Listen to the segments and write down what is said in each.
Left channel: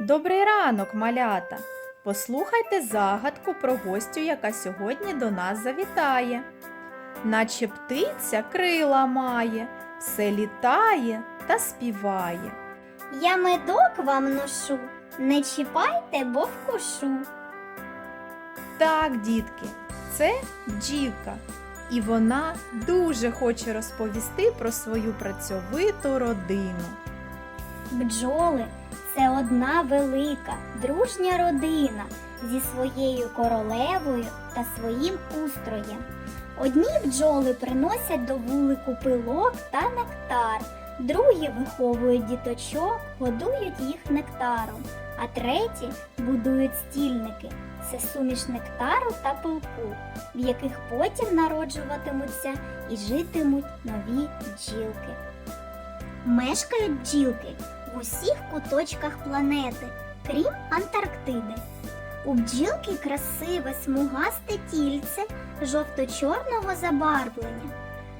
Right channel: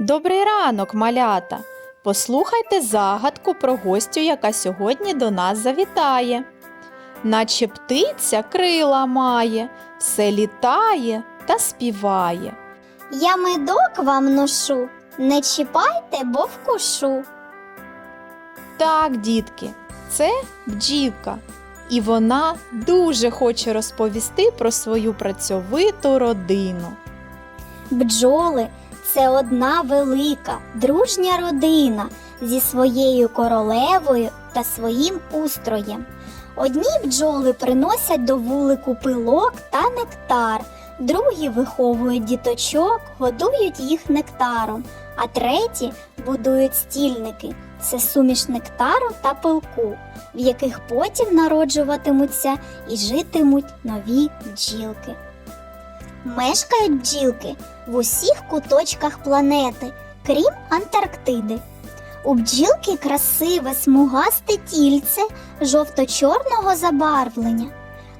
Добрий ранок, малята! Послухайте загадку про гостю, яка сьогодні до нас завітає. Наче птиця крила має, все літає та співає. Я медок вам ношу, не чіпайте, бо вкушу. Так, дітки, це бджілка, і вона дуже хоче розповісти про свою працьовиту родину. Бджоли це одна велика, дружня родина зі своєю королевою та своїм устроєм. Одні бджоли приносять до вулику пилок та нектар, другі виховують діточок, годують їх нектаром, а треті будують стільники це суміш нектару та пилку, в яких потім народжуватимуться і житимуть нові бджілки. Мешкають бджілки в усіх куточках планети, крім Антарктиди. У бджілки красиве смугасте тільце жовто-чорного забарвлення.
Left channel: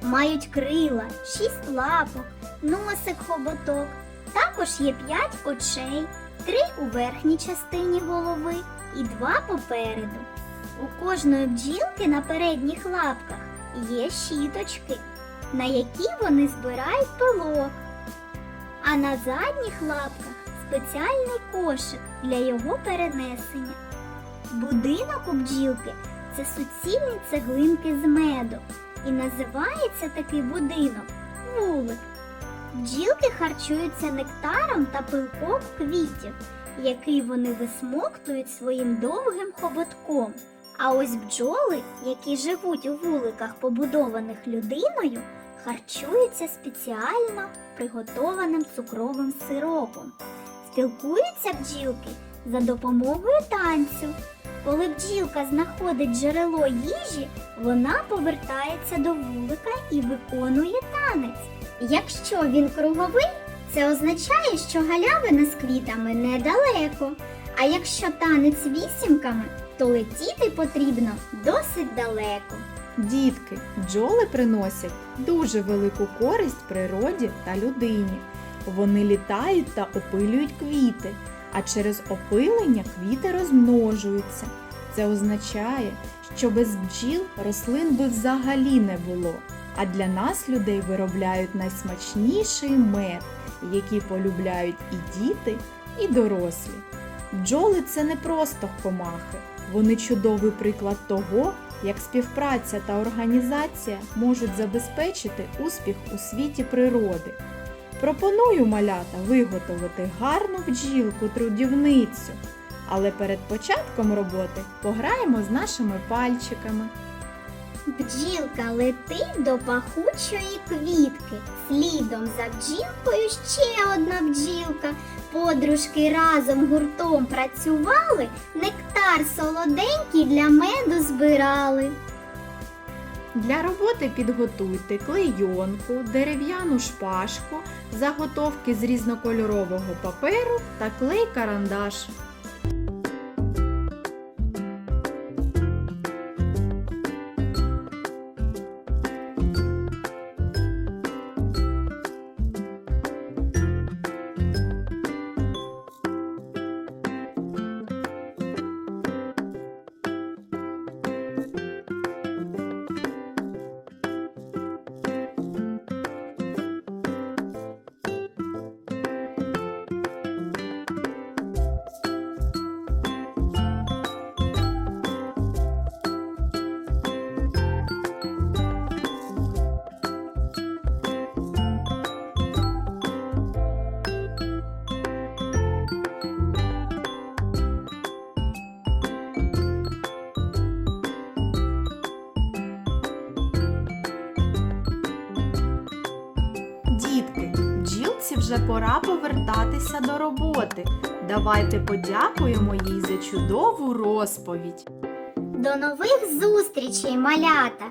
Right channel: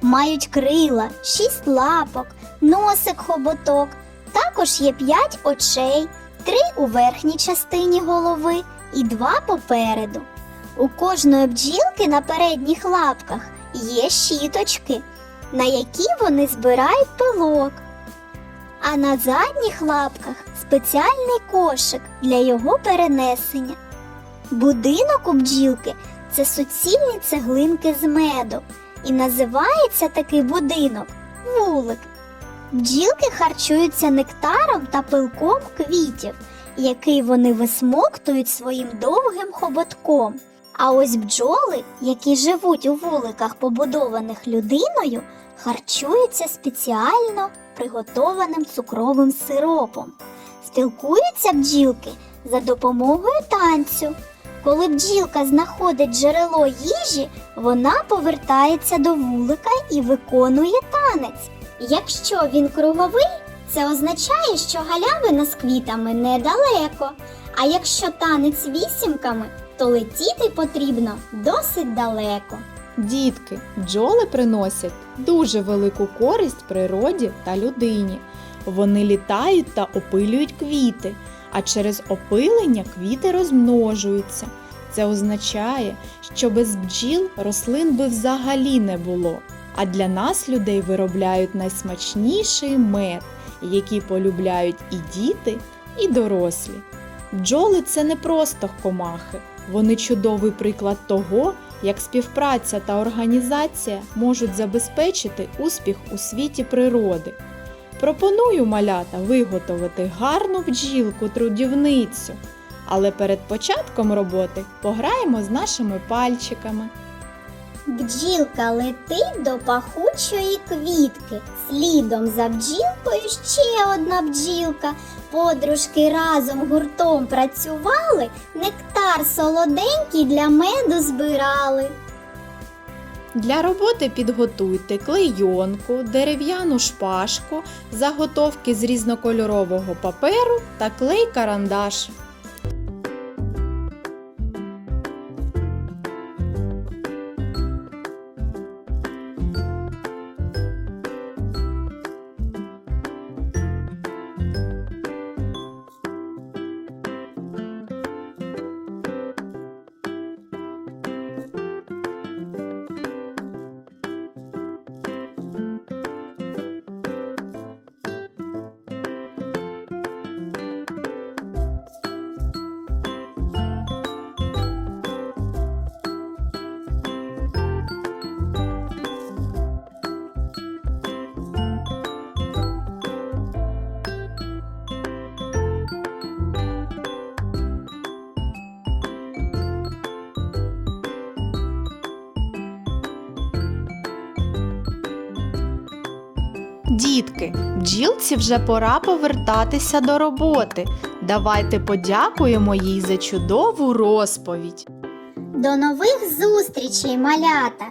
Мають крила, шість лапок, носик хоботок. Також є п'ять очей, три у верхній частині голови і два попереду. У кожної бджілки на передніх лапках є щіточки, на які вони збирають пилок на задніх лапках спеціальний кошик для його перенесення. Будинок у бджілки це суцільні цеглинки з меду, і називається такий будинок вулик. Бджілки харчуються нектаром та пилком квітів, який вони висмоктують своїм довгим хоботком. А ось бджоли, які живуть у вуликах, побудованих людиною, харчуються спеціально приготованим цукровим сиропом. Спілкуються бджілки за допомогою танцю. Коли бджілка знаходить джерело їжі, вона повертається до вулика і виконує танець. Якщо він круговий, це означає, що галявина з квітами недалеко. А якщо танець вісімками, то летіти потрібно досить далеко. Дітки, бджоли приносять дуже велику користь природі та людині. Вони літають та опилюють квіти, а через опилення квіти розмножуються. Це означає, що без бджіл рослин би взагалі не було. А для нас людей виробляють найсмачніший мед, який полюбляють і діти, і дорослі. Бджоли це не просто комахи, вони чудовий приклад того, як співпраця та організація можуть забезпечити успіх у світі природи. Пропоную малята виготовити гарну бджілку трудівницю. Але перед початком роботи пограємо з нашими пальчиками. Бджілка летить до пахучої квітки. Слідом за бджілкою ще одна бджілка. Подружки разом гуртом працювали, нектар солоденький для меду збирали. Для роботи підготуйте клейонку, дерев'яну шпажку, заготовки з різнокольорового паперу та клей-карандаш. Дітки, бджілці вже пора повертатися до роботи. Давайте подякуємо їй за чудову розповідь. До нових зустрічей, малята!